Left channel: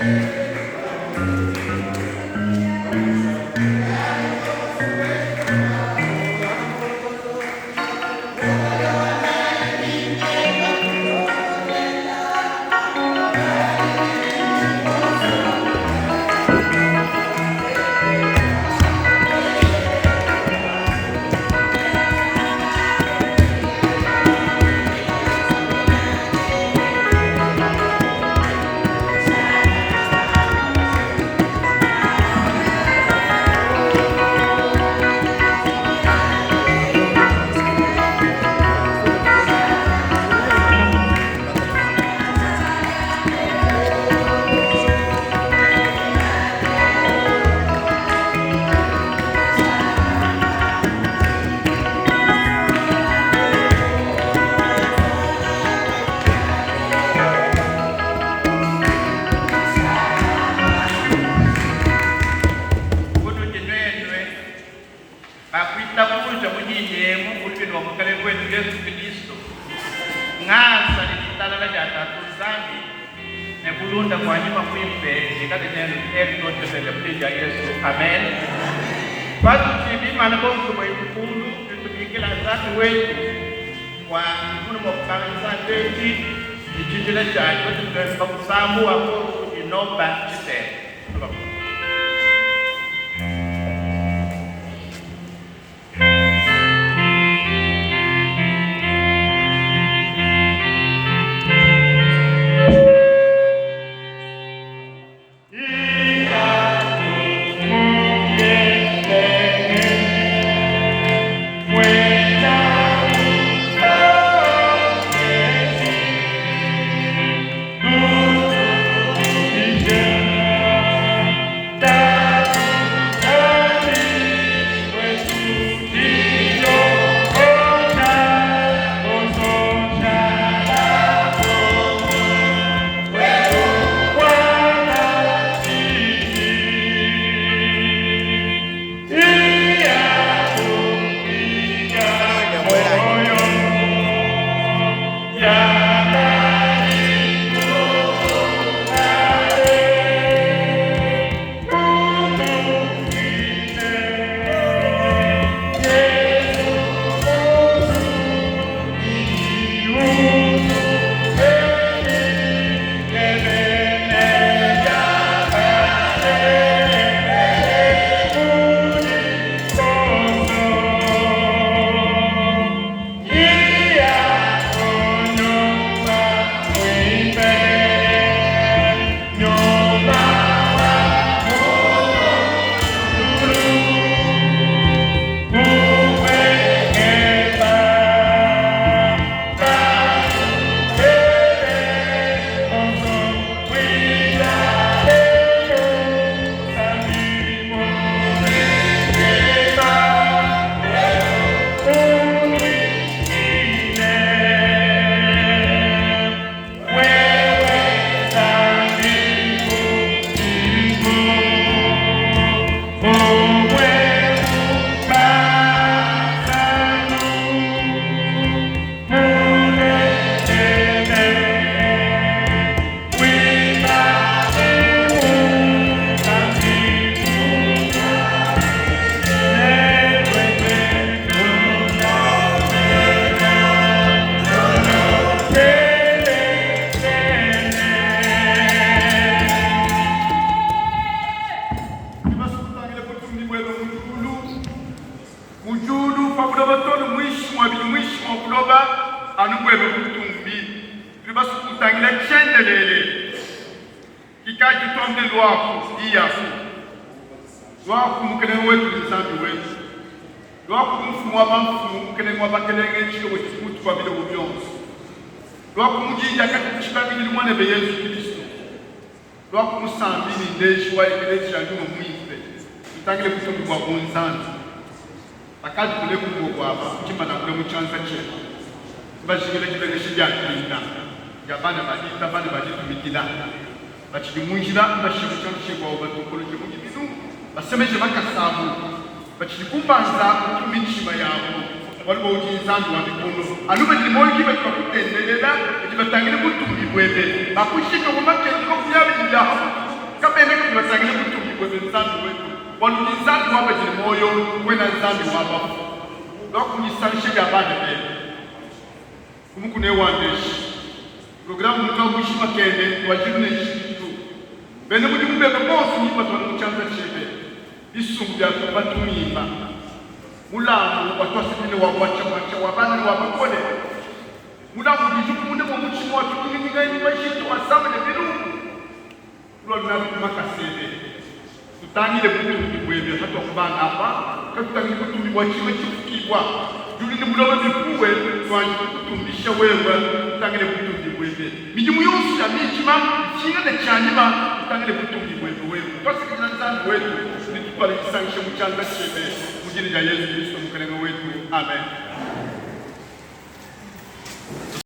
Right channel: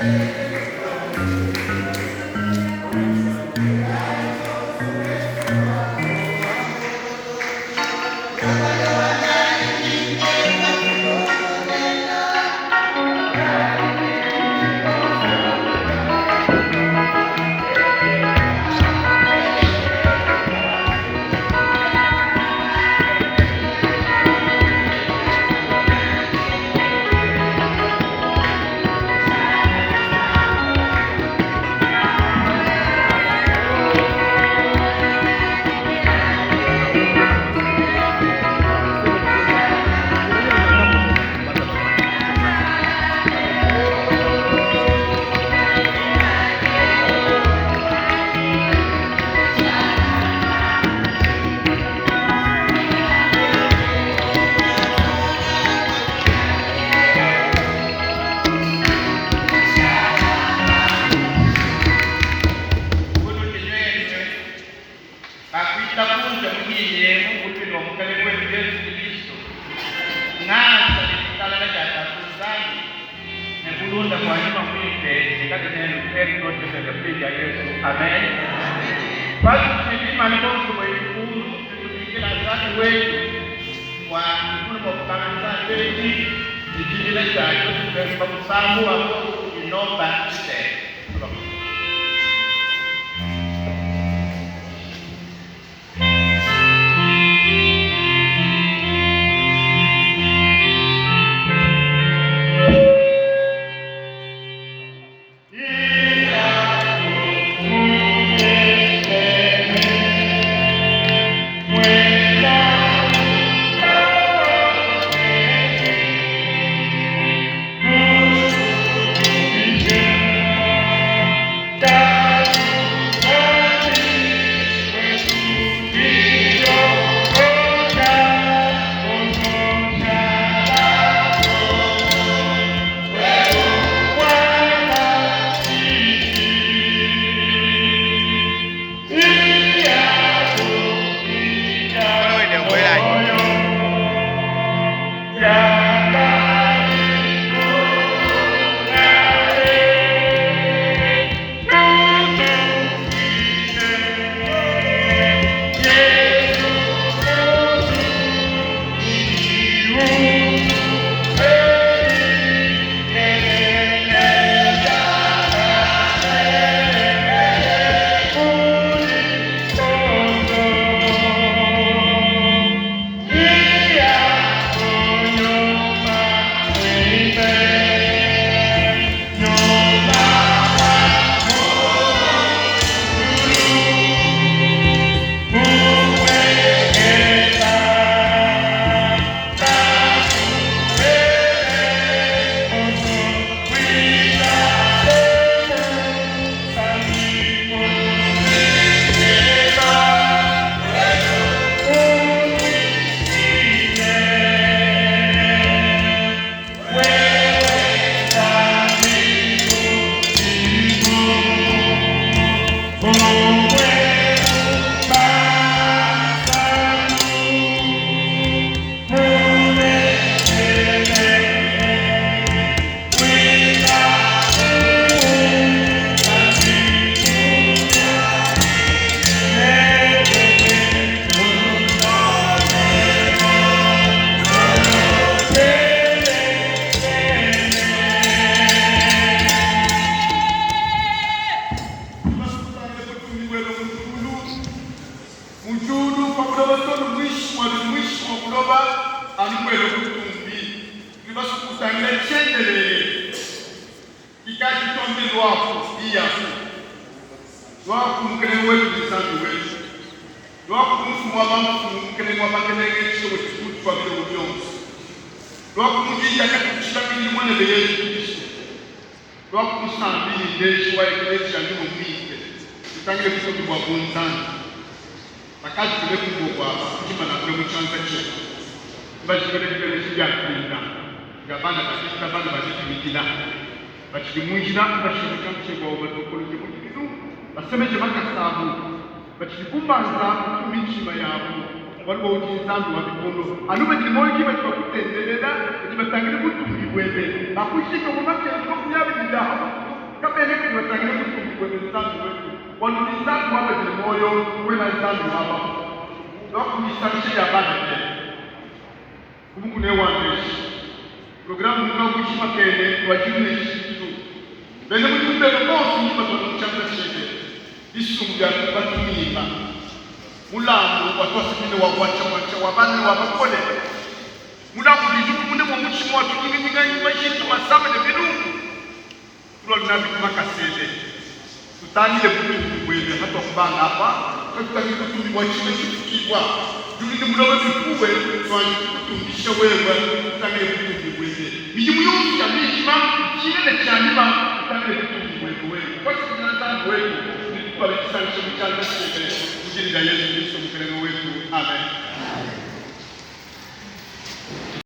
Amen. Basi tulima na bongo kwa ikulu tutumikila zatu wetu kwa mkuno mwakukanisa teki ichijile chacho tutuwepa kusamu wako inomba chite. sabene kumasangile kutumbi kwebenzabi wetu wanunizabi wabe zile moyo wena nzambi waba nokunisalishe yabana bene kumukune wandeshi programu nuka mwishima kende wajune ishikitu bene mujumbe bosi nipa twamuchanga shide isumbi ya kupatumima mulamu watwasikile wawacha wabani wabakole mulamu lijuku mune mwamuchimu watu kinga nyumba shiki wasaba ne biduku tulo nabi kumakasele tutangile kutumbi mwebe hata kubanga hapa tutangile kutumbi wachime chukikwa ndike mlalo zikuwe twani kutumbisha wewe tutangile kutumbi mwebe mijumu yonsu ya mijima chine ne chanima tutangile kutumbi mwebe wewe kwasi kina nzangu wetu nitupale kisanishe mchanga shebe mujini ya Yesu Kristo mkanengo wetu amen.